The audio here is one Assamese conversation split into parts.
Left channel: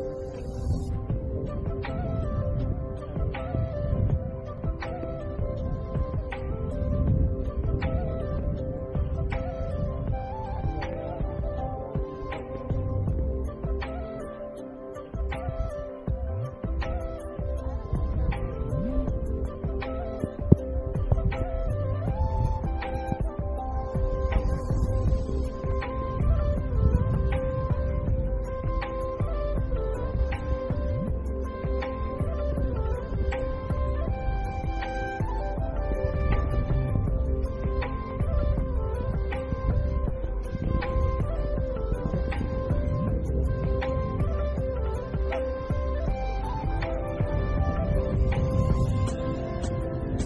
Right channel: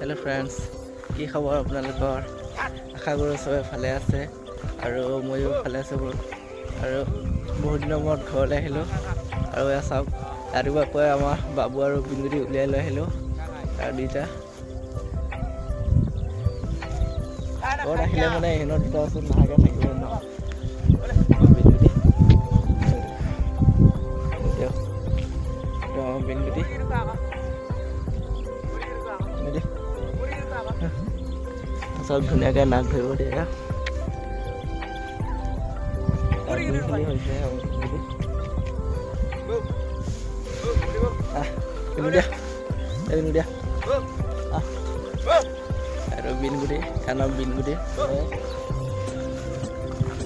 हेलो फ्रेंड्स की खबर আপোনালোকৰ আশা কৰোঁ সবে ভালে আছে আৰু ময়ো ভালে আছোঁ আৰু বহুত দিনৰ মূৰত ঘৰলৈ আহিলোঁ আৰু এয়া চাওক ৰাতিপুৱাকৈ আমাৰ বাবু আৰু বিন্দুটি উলিয়াই লৈ আহিলোঁ আৰু দুইটা ঘৰত আহিলে মানে ইহঁতৰ দুটা ওচৰত নাহাকৈ থাকিব নোৱাৰোঁ सब धुनियाके नाक ধৰিব দিয়া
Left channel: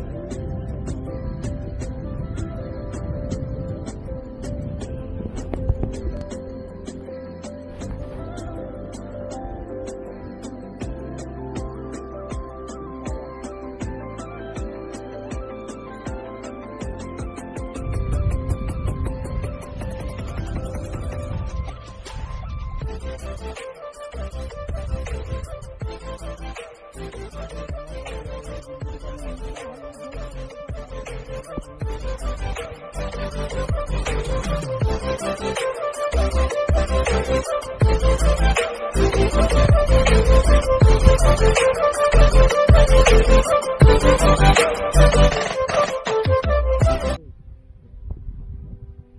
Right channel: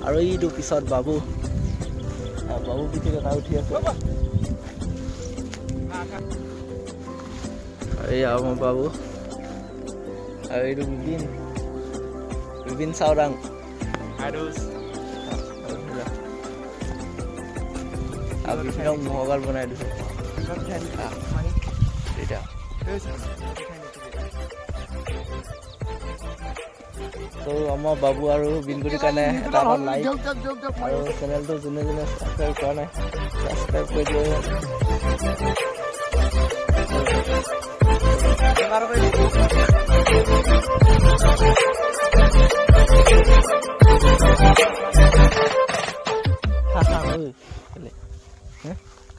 আৰু এইটো পিছত বাবু পিঠি কথা উঠি আছে এয়া আমাৰ বাবু আৰু এইটো Bin Saurang. Harus. Abis ini mau bakal benar itu. Tidak. So, Amma Babu aru Binduri kane dapat like. Aru channel tu june subscribe kone. Subscribe kore.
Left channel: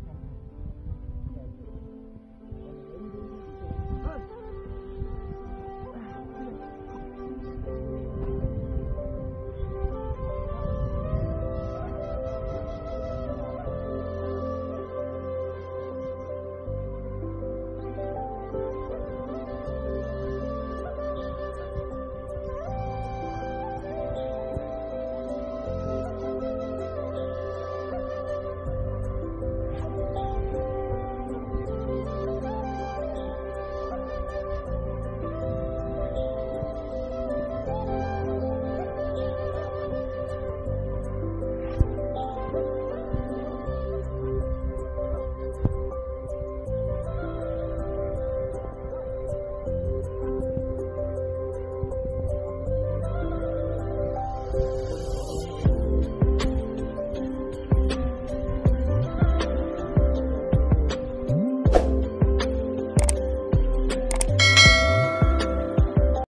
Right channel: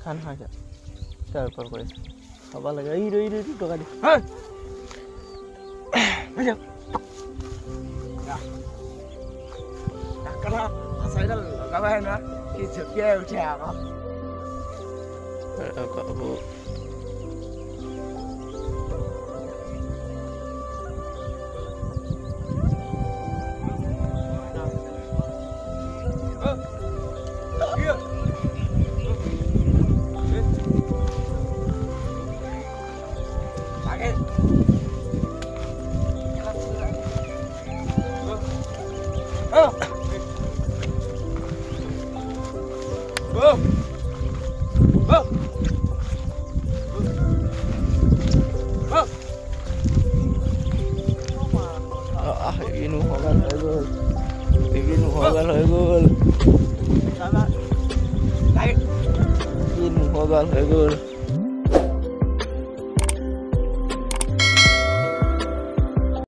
খান হয় যা তারপর করে খাবার লাগে এই রই টাকা দি হ্যাঁ হয়ে যা কালা সাইকেল লাগাই না কি ঝকিয়ে উঠে আবা Oh!